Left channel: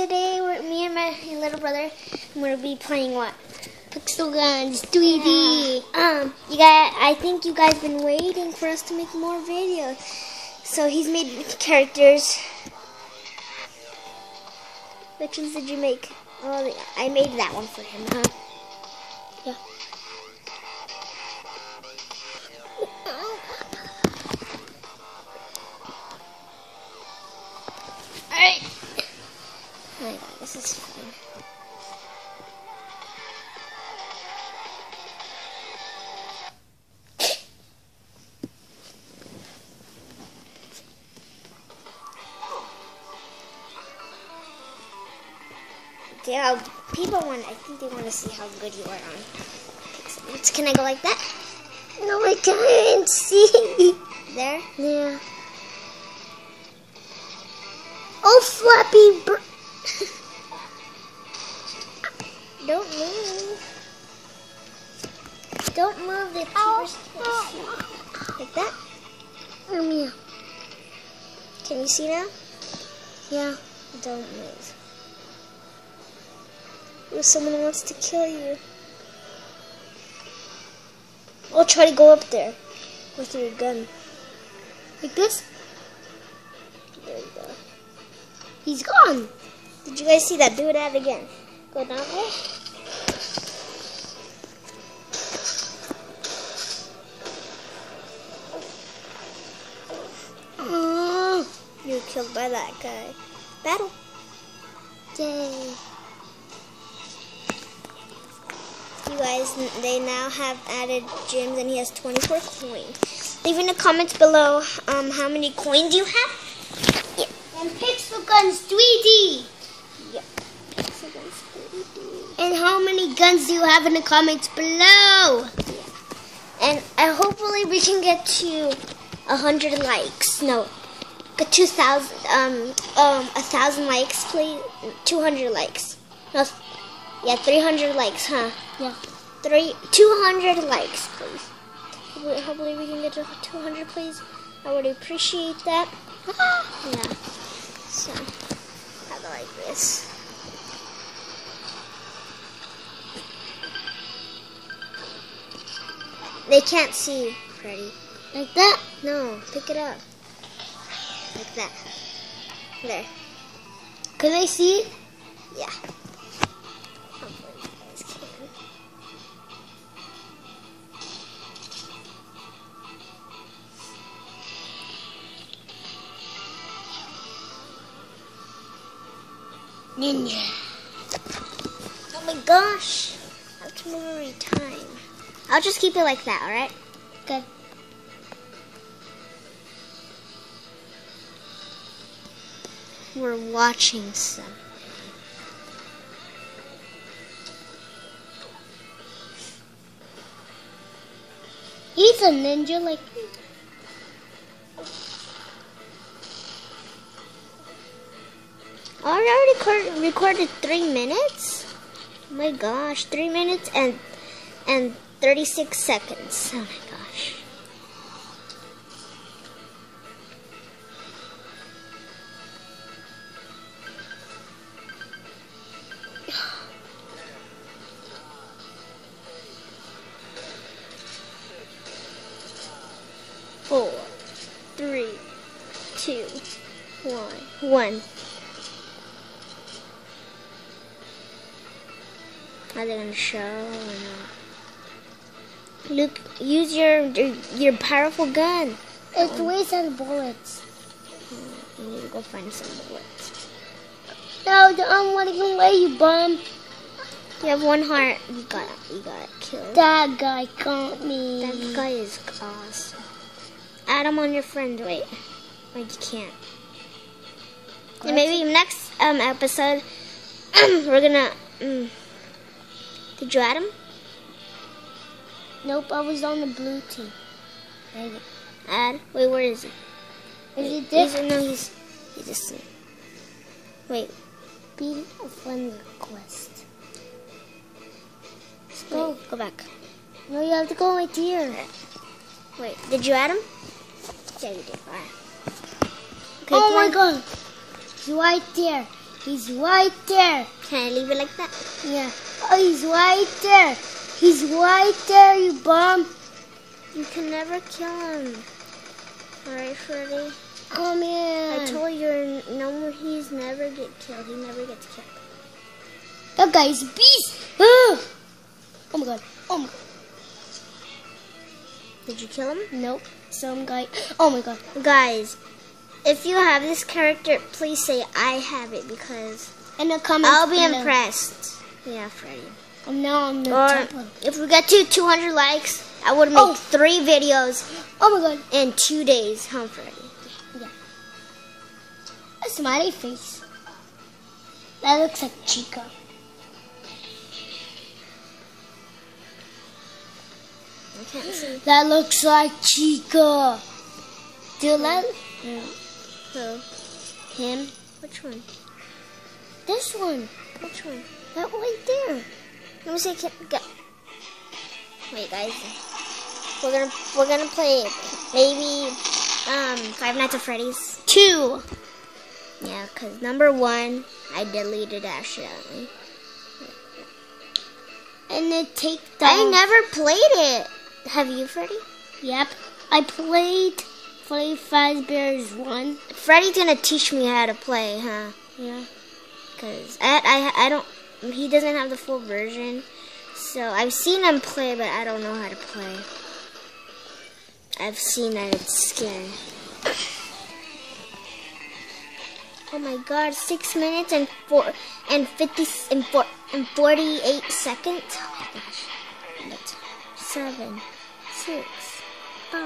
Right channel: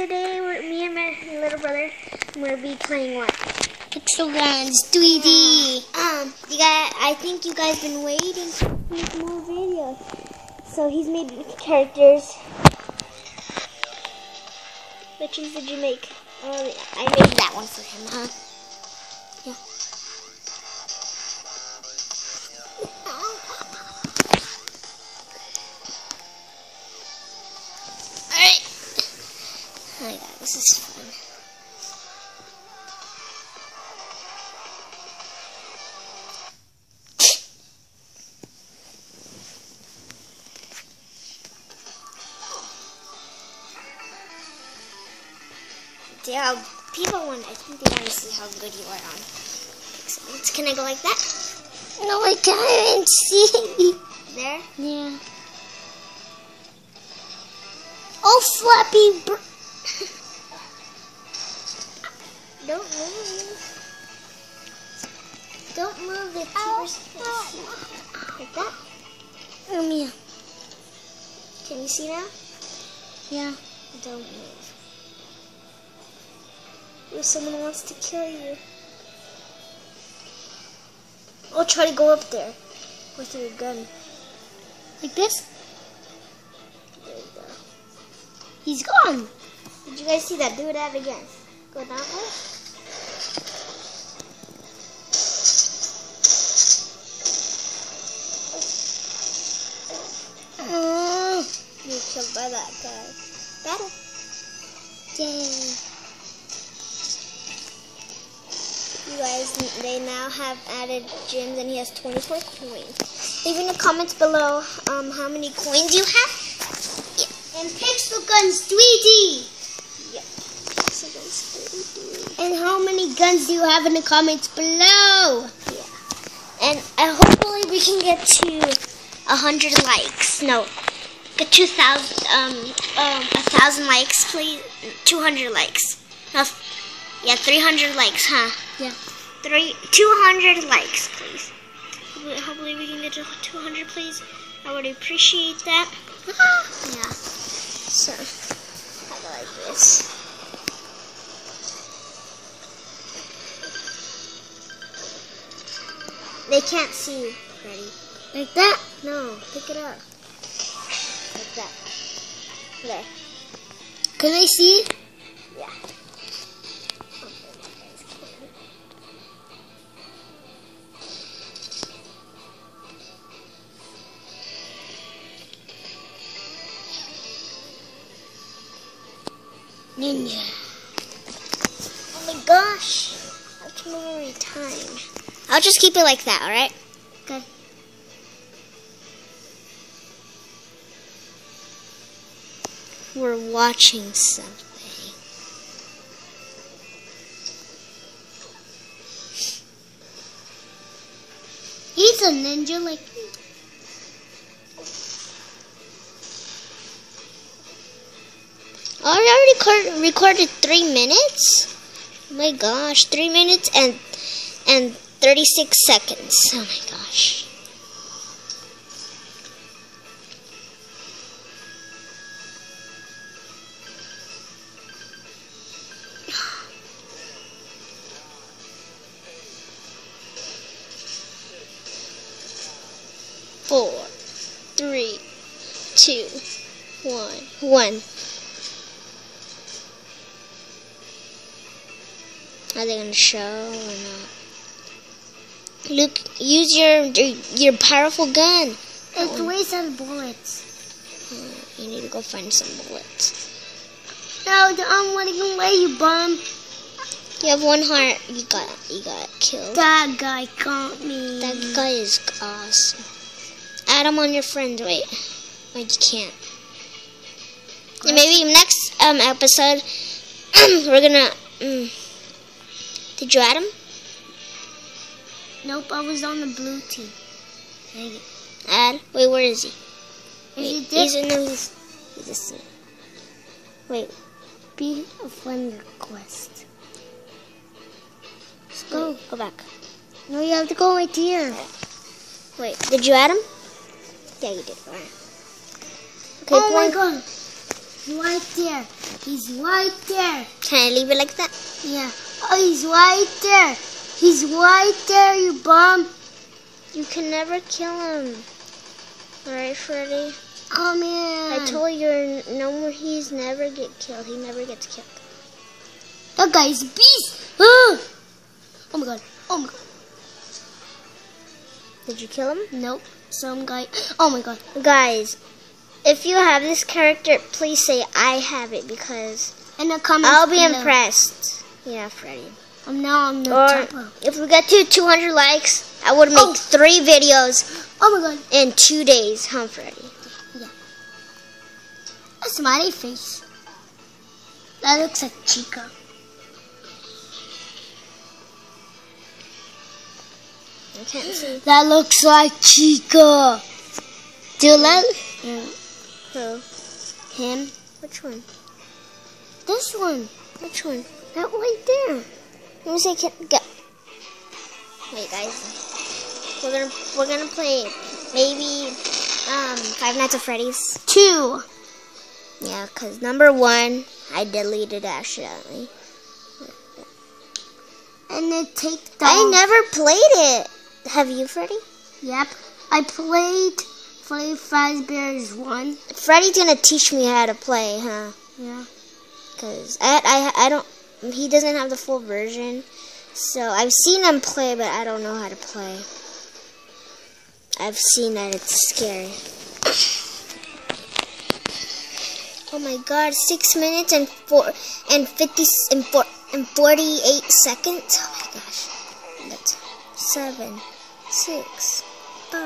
today me and my little brother, we're be playing what? Pixel Guns 3D. You guys, I think you guys been waiting for us to make more videos. So he's made characters. Which ones did you make? Oh, I made that one for him, huh? Yeah, people want to see how good you are on Pixel. Can I go like that? No, I can't see. There? Yeah. Oh, Flappy Bird. Don't move. Don't move. Like that? Yeah. Can you see now? Yeah. Don't move. If someone wants to kill you, I'll try to go up there with your gun. Like this? There you go. He's gone! Did you guys see that? Do that again. Go down there. Oh, you're killed by that guy. Battle. Yay. Guys, they now have added gems and he has 24 coins. Leave in the comments below how many coins you have. Yeah. And Pixel Guns 3D. Yeah. And how many guns do you have in the comments below. And hopefully we can get to 100 likes. No, get to 1,000 likes, please. 200 likes. No, yeah, 300 likes, huh? Yeah. 200 likes, please. Hopefully we can get to 200, please. I would appreciate that. Yeah. So. They can't see, Freddy. Like that? No, pick it up. Like that. There. Can they see it? Yeah. Oh my gosh. That's really time. I'll just keep it like that, alright? Good. We're watching something. He's a ninja like me. I already recorded 3 minutes. Oh my gosh, 3 minutes and 36 seconds. Oh my gosh. Four, 3, 2, 1. Are they gonna show or not? Luke, use your powerful gun. It wastes out of bullets. You need to go find some bullets. No, I'm running away, you bum. You have 1 heart. You got killed. That guy got me. That guy is awesome. Add him on your friends. Wait, you can't. And maybe next episode we're gonna. Did you add him? Nope, I was on the blue team. Add? Wait, where is he? Is he there? He's wait. Be a friend request. Let's go. Go back. No, you have to go right here. Wait, did you add him? Yeah, you did. Okay, oh my god. He's right there. He's right there. Can I leave it like that? Yeah. Oh, he's right there. He's right there, you bum. You can never kill him. Alright, Freddy? Oh, man. I told you, no more. He's never get killed. He never gets killed. That guy's a beast. Oh my god. Oh my god. Did you kill him? Nope. Some guy. Oh my god. Guys, if you have this character, please say I have it because in the comments I'll be below. Impressed. Yeah, Freddy. Now I'm the top. If we get to 200 likes, I would make 3 videos. Oh my god. In 2 days, huh, Freddy? Yeah. A smiley face. That looks like Chica. I can't see. That looks like Chica. Do you let Who? him? Which one? This one. Which one? That right there. Let me see. Go. Wait, guys. We're gonna play maybe Five Nights at Freddy's. 2. Yeah, cause number 1 I deleted accidentally. And then take the. I never played it. Have you, Freddy? Yep. I played Freddy Fazbear's 1. Freddy's gonna teach me how to play, huh? Yeah. Cause I don't. He doesn't have the full version, so I've seen him play, but I don't know how to play. I've seen it. It's scary. Oh my God! 6 minutes and 48 seconds. Oh my gosh! 7, 6, 5,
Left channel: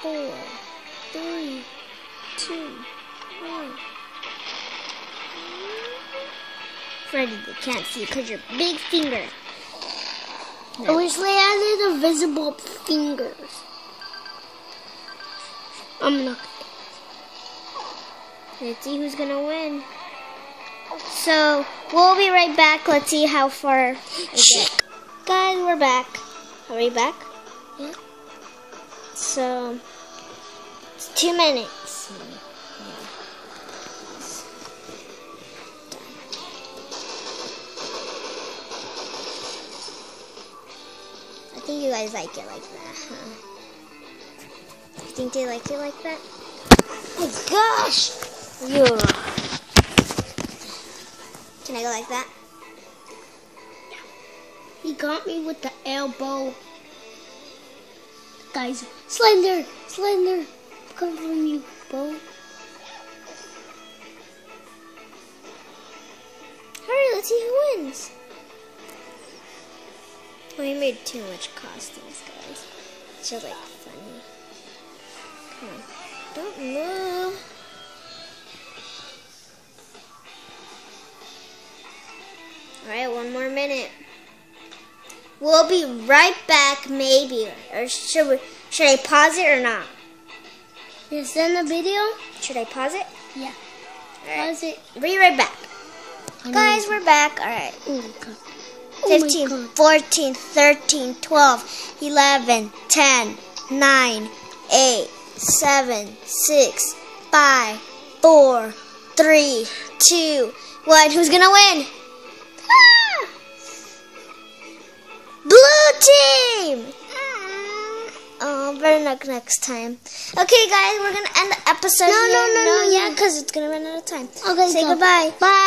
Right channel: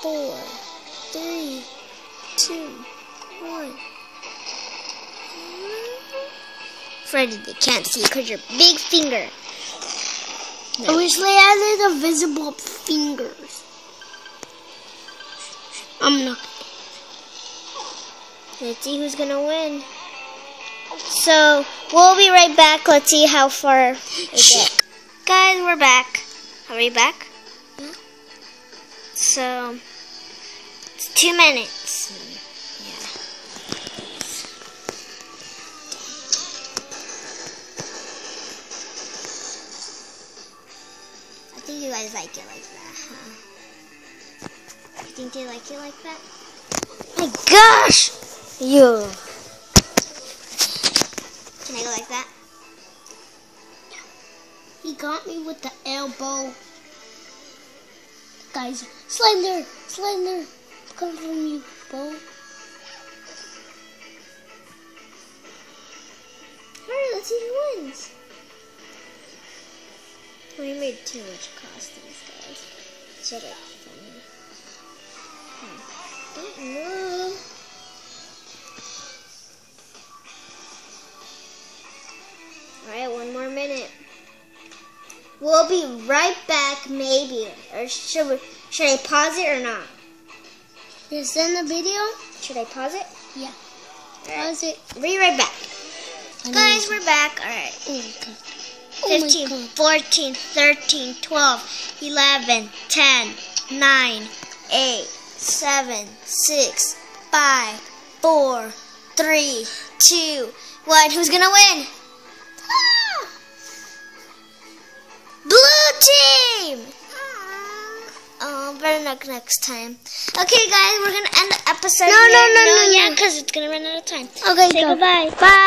4, 3, 2, 1. Freddy, you can't see because your big finger. I wish they added invisible fingers. I'm not. Let's see who's gonna win. So we'll be right back. Let's see how far. Guys, we're back. Are we back? Yeah. So it's 2 minutes. I think you guys like it like that, huh? You think they like it like that? Oh my gosh! You. Can I go like that? He got me with the elbow. Guys, Slender! Slender! Come from you, bro. Hurry, let's see who wins. Oh, he made too much costumes, guys. It's just like funny. Come on. Don't move. Alright, 1 more minute. We'll be right back, maybe. Or should I pause it or not? You send the video? Should I pause it? Yeah. Right. Pause it. Be right back. Guys, we're back. Alright. Oh my God. 15, 14, 13, 12, 11, 10, 9, 8, 7, 6, 5, 4, 3, 2, 1. Who's gonna win? Ah! Blue team! Oh, better luck next time. Okay, guys, we're gonna end the episode. No. Yeah, because it's gonna run out of time. Okay, Say go. goodbye. Bye.